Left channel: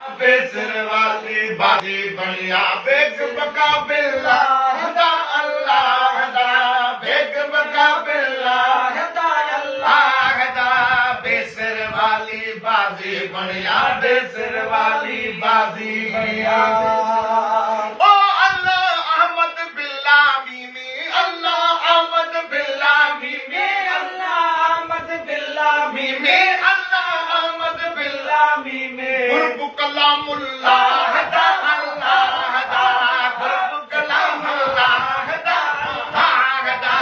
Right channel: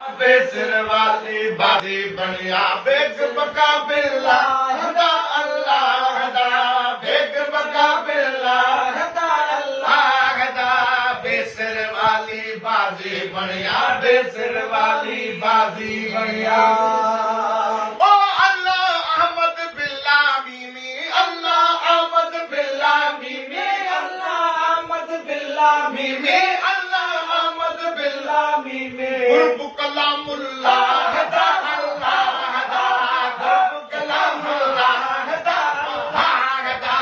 बेसर वाली बाजी बनिया बेग बका बिल्ला हदा अल्लाह हदा बेग बका बिल्ला हदा अल्लाह हदा बेसर वाली बाजी बनिया बेसर वाली बाजी बनिया ओ अल्लाह अहमद बिल्ला मीमी अल्लाह अहमद बिल्ला मीमी अल्लाह अहमद बिल्ला मीमी अल्लाह अहमद बिल्ला मीमी कुर्ब कलामुल्लाह हदा अल्लाह हदा कुर्ब कलामुल्लाह हदा हदा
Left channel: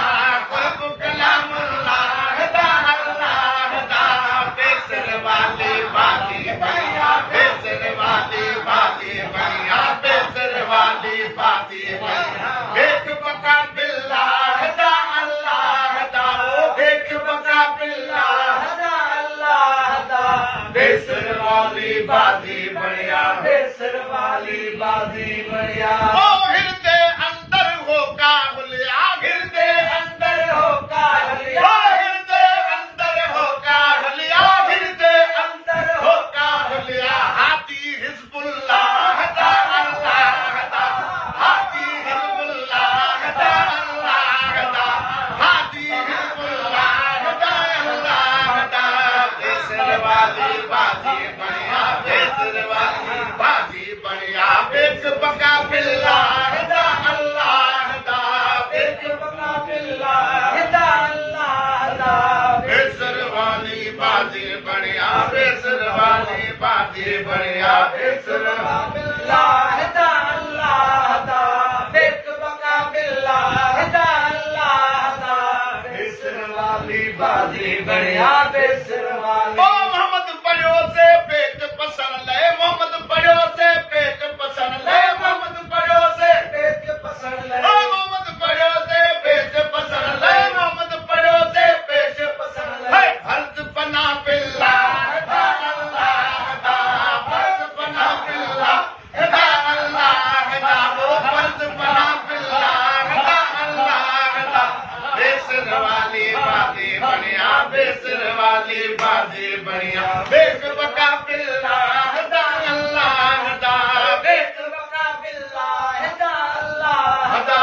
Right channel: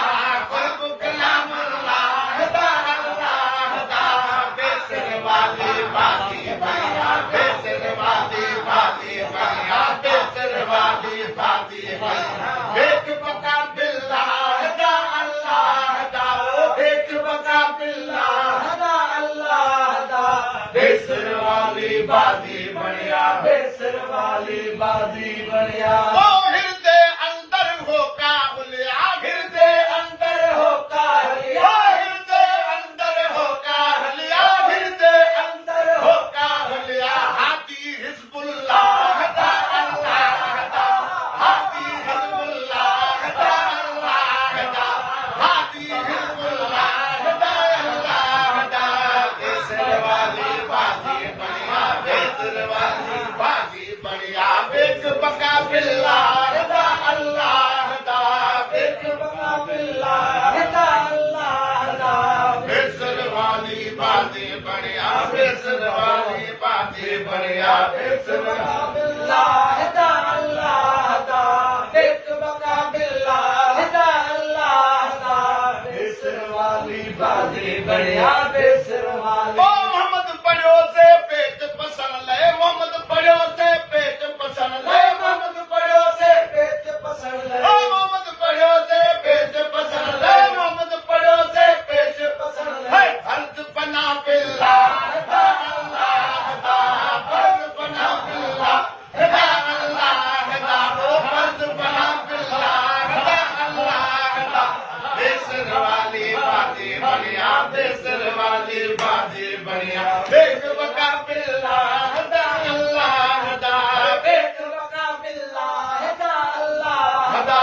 कुर्ब कलामुल्लाह हदा अल्लाह हदा बेसर वाली बाजी बनिया बेसर वाली बाजी बनिया बेसर वाली बाजी बनिया एक बका बिल्ला हदा अल्लाह हदा एक बका बिल्ला हदा अल्लाह हदा बेसर वाली बाजी बनिया बेसर वाली बाजी बनिया ओ हिरदे अंदर हो काहुलिया हिरदे अंदर हो काहुलिया हिरदे अंदर हो काहुलिया हिरदे अंदर हो काहुलिया हाथी हिजबुल्लाह हदा अल्लाह हदा हाथी हिजबुल्लाह हदा अल्लाह हदा हाथी हिजबुल्लाह हदा अल्लाह हदा बेसर वाली बाजी बनिया बेसर वाली बाजी बनिया बेग बका बिल्ला हदा अल्लाह हदा बेग बका बिल्ला हदा अल्लाह हदा बेसर वाली बाजी बनिया बेसर वाली बाजी बनिया बेसर बिल्ला हदा अल्लाह हदा बेग बका बिल्ला हदा अल्लाह हदा बेसर वाली बाजी बनिया बेसर वाली ओ मोहम्मद पढ़ो से पेट पसंद ले मोहम्मद पढ़ो से पेट पसंद ले मोहम्मद पढ़ो से पेट पसंद ले ओ मोहम्मद पढ़ो से पेट पसंद ले मोहम्मद पढ़ो से पेट पसंद ले फर्ज बना बिल्ला हदा अल्लाह हदा फर्ज बना बिल्ला हदा अल्लाह हदा फर्ज बना बिल्ला हदा अल्लाह हदा बेसर वाली बाजी बनिया बेसर वाली बाजी बनिया बेग बका बिल्ला हदा अल्लाह हदा बेग बका बिल्ला हदा अल्लाह हदा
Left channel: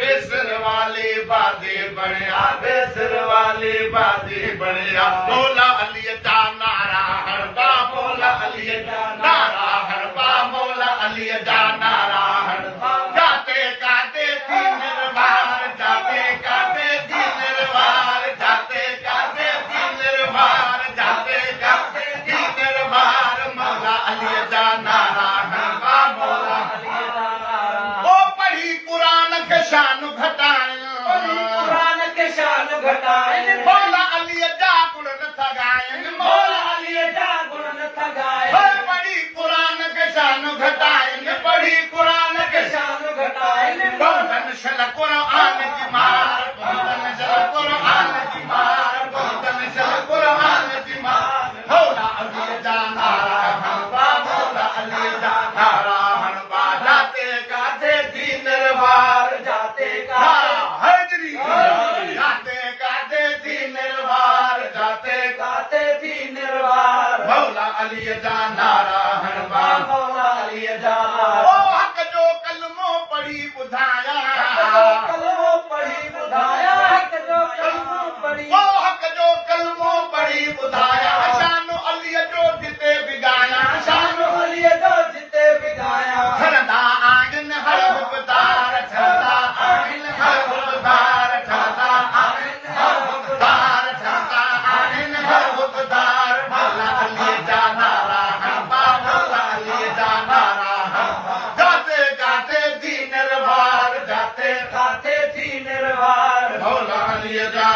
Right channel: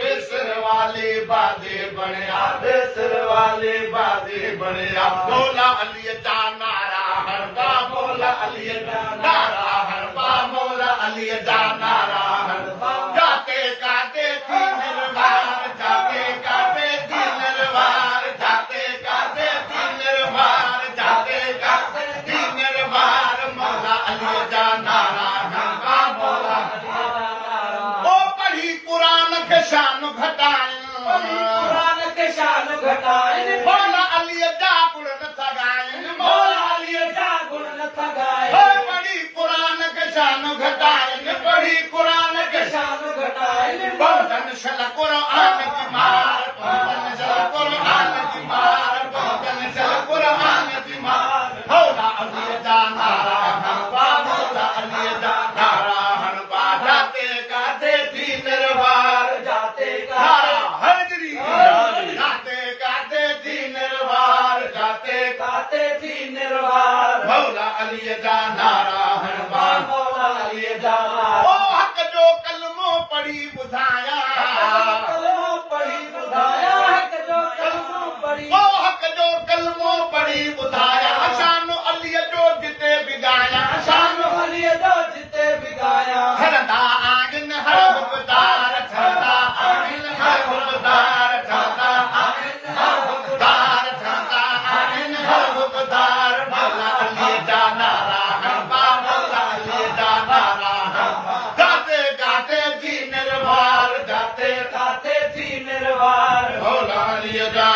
बेसर वाली बाजी बनिया बेसर वाली बाजी बनिया मौला अली दा नारा हरदा मौला अली दा नारा हरदा मौला अली दा नारा हरदा जाते गाते थी निर्वाण जाते गाते थी निर्वाण जाते गाते थी निर्वाण जाते गाते थी निर्वाण मौला अली दा नारा हरदा मौला अली दा नारा ओ पढ़ी कुरान के शान घटाए कुरान के शान घटाए मौला अली दा गुण न थगाए मौला अली दा गुण न थगाए पढ़ी कुरान के शान घटाए पढ़ी कुरान के शान घटाए बहुतन सल कुरान की मार बहुतन सल कुरान की मार बहुतन सल कुरान की मार मौला अली दा नारा हरबा मौला अली दा नारा हरबा जाते गाते थी निर्वार जाते गाते हजरी जाते गाते थी निर्वार जाते गाते थी निर्वार मौला अली दा नारा हरबा मौला अली दा ओ हक जो कलमो पढ़ी बुधाया कलमो पढ़ी बुधाया हक जो कलमो पढ़ी ओ हक जो कलमो पढ़ी बुधाया शान अली जो जिते बिगाया शान अली जो जिते बिगाया हरदा आगिन हर हुकदार ठरदा आगिन हर हुकदार ठरदा आगिन हर हुकदार ठरदा आगिन हर हुकदार मौला अली दा नारा हरबा मौला अली दा नारा हरबा जाते गाते थी निर्वार जाते गाते थी निर्वार मौला अली दा